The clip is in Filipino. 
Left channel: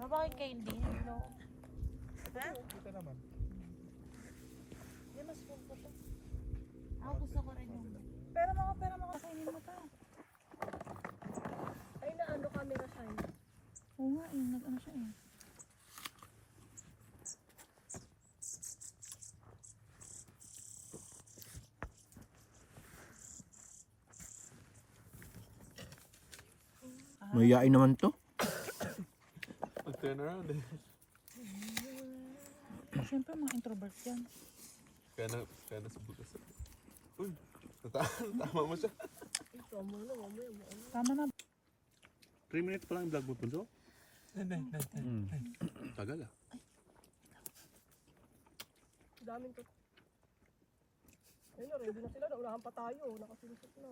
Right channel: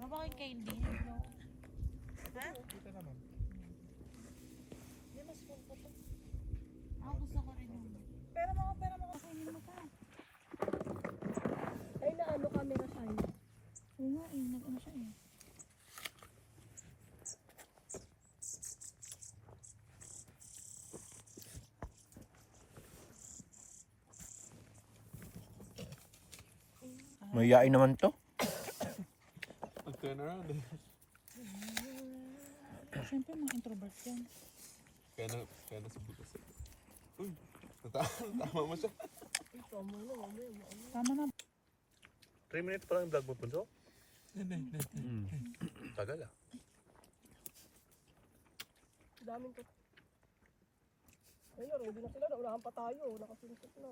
Bakit kayo hindi? No? Ha? Dito naman. Hindi, mas full ko to. Ako gusto ko rin yung... Pera mo, kainin mo pa. Ay, naano camera siya yun. Oo nga, nag-ano siya eh. Mayayain naman to. Mag-turn around eh. Siyempre mga introvert yan. Kaya na sa butas. Uy, tama mo siya. Tama na. 3 minutes pa lang yung vlog mo, Punso? Tagal ah. Daming ko. Ayun, ready na sila. Naunahan pa tayo. Nakasinusok na.